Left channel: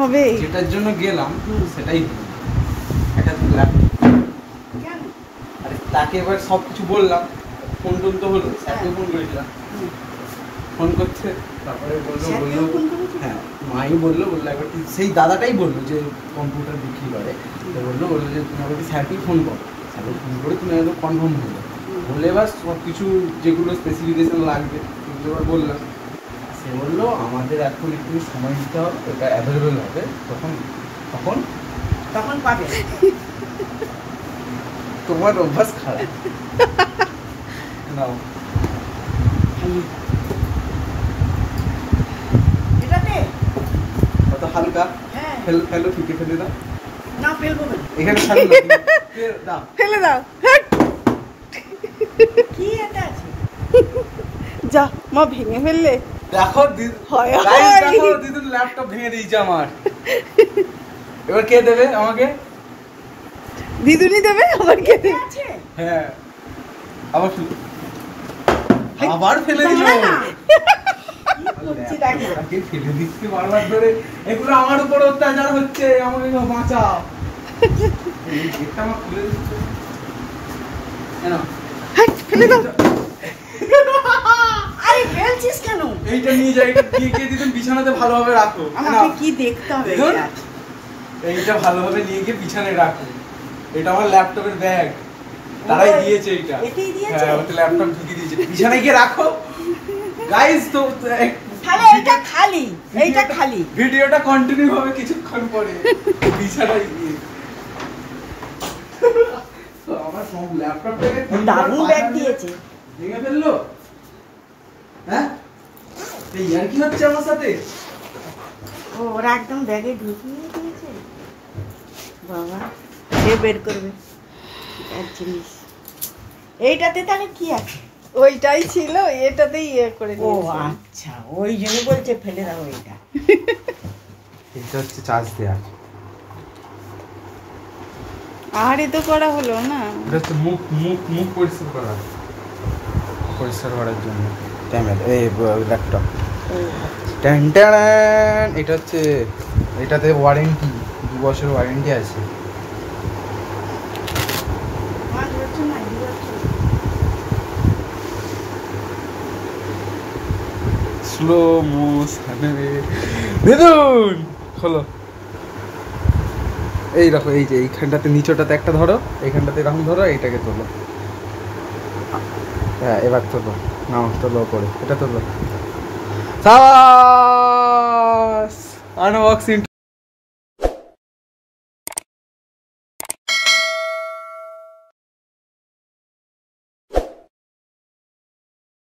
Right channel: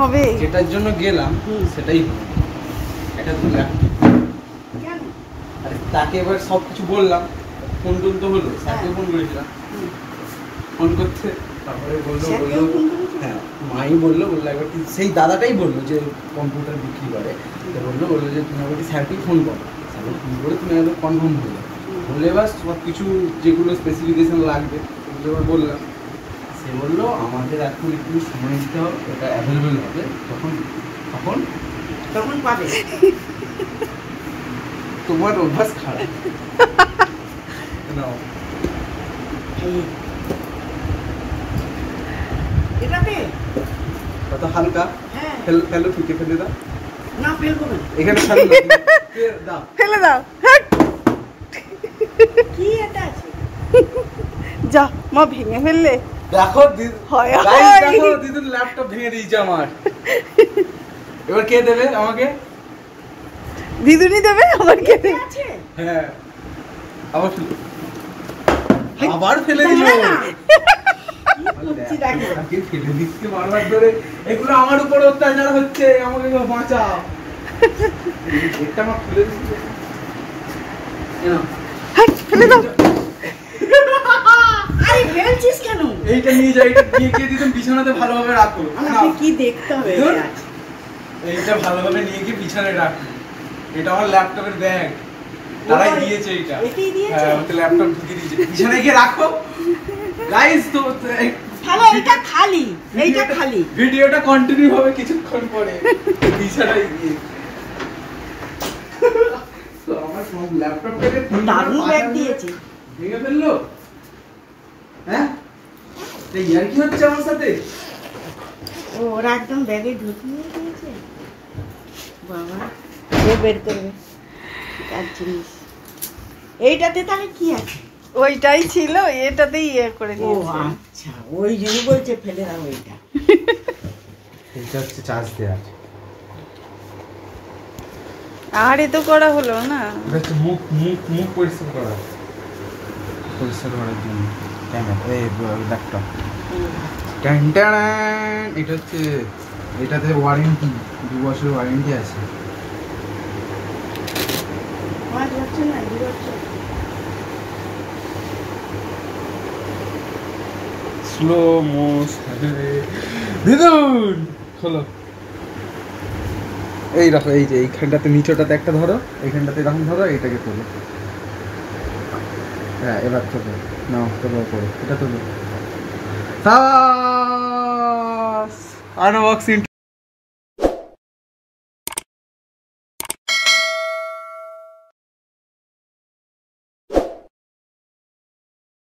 হবে যেটার জন্য গেলাম সেটাই একটা আর তাকে এবার সব কিছু বললাম, ফোন টোন তো হলো, স্যারকেও ফোন করেছিলাম, ফোন করতে তারপরে বললো হ্যাঁ মাই বললো একবার সেই দাদাটাই বললো যে কম্পিউটার বিক্রি করে, বললো যে তুমি একবার স্যারকেই ফোন করো, স্যারকে ফোন করে তুমি একদম কনফার্ম হয়ে যাবে। বললে এবার সব কিছু যেগুলো স্পেসিফিকেশন লাগবে সেগুলো এবার বললাম। সে বললো আমাদের এখন একটু সময় দিতে হবে, ওটা অ্যাভেলেবেল হবে তখন তখন তখন পাবে। তোমার অভ্যাস খারাপ। নাও কত হালকা, ফেলো ফিকে ফেলে দাও। না ফেলবো না, এখানে ফেলো না, ফেলে দাও। কি এটা আছে যা মা ভেঙে ফেললে। দেখো দেখো দিদুর ল্যাপটপ ভেঙে দিয়েছে আমার। এবার কে দেবে আমাকে? দিদুনি দেবে আমার কে আছে? হ্যাঁ আবার ফেলে দিল। ফেলে দিচ্ছে বারবার ধরে, একটু আমার উপর অত্যাচার হচ্ছে, আমাকে বাঁচাও। এটা আমার খুলে দিচ্ছে, ফেলে দাও। আরে ফেলছিস কেন? এইটা নিয়ে যাই, এটা দিয়ে গিয়ে দিদুন বিছানাতে ভালোভাবে রাখো। আমাকে কি দেখতে হবে? এইটা ভালোভাবে নিয়ে গিয়ে বিছানায় রাখো। এটা আমার ল্যাপটপের ব্যাগ, তারাই দিয়েছে এইটা। হ্যাঁ ওটা ল্যাপটপ ঢুকিয়ে দিয়েছে, বিছানায় গিয়ে রাখো। গাইস তো তাহলে এটা খালি, এইটা খালি। ভিডিওটা কন্টিনিউ হবে কিছুক্ষণ পরে বিছানায় গিয়ে। তো আমার সব ল্যাপটপটাকে দারুণ ব্যাগ দিয়েছে, ভেঙে ফেললো। হ্যাঁ এই আর কি হচ্ছে আমার সাথে? ওরা একদম ব্যাগে ঢুকিয়ে দিয়েছে। বাবা সে বের করবে আর জিনিস। এইটাতে তাহলে কি আছে? ওইটাই ছিল, এটাতেই ইয়ে করে নিয়েছে। ও আচ্ছা, ওই জন্য বলছে ফেলে দাও এটা। এটা হচ্ছে চার্জ দেয়া। আর এ তো করা হলো না, এটা হচ্ছে মুখ পরিষ্কার করার জন্য ক্যামেরা এই ল্যাপটপ। এটা হচ্ছে, এটাতে ওয়ারেন্টি 2 বছরের ওয়ারেন্টি আছে। স্লো মোশন দেখুন খোলো। এই রাখো, এই যে এইখানটাতে নিচটাতে একটা ধরো, এইখানটাতে এরকম ধরো, এইটাকে তোলো। হ্যাঁ এবার তোলো, নাও তোলো করে, এটা তোলো। আনবক্সিং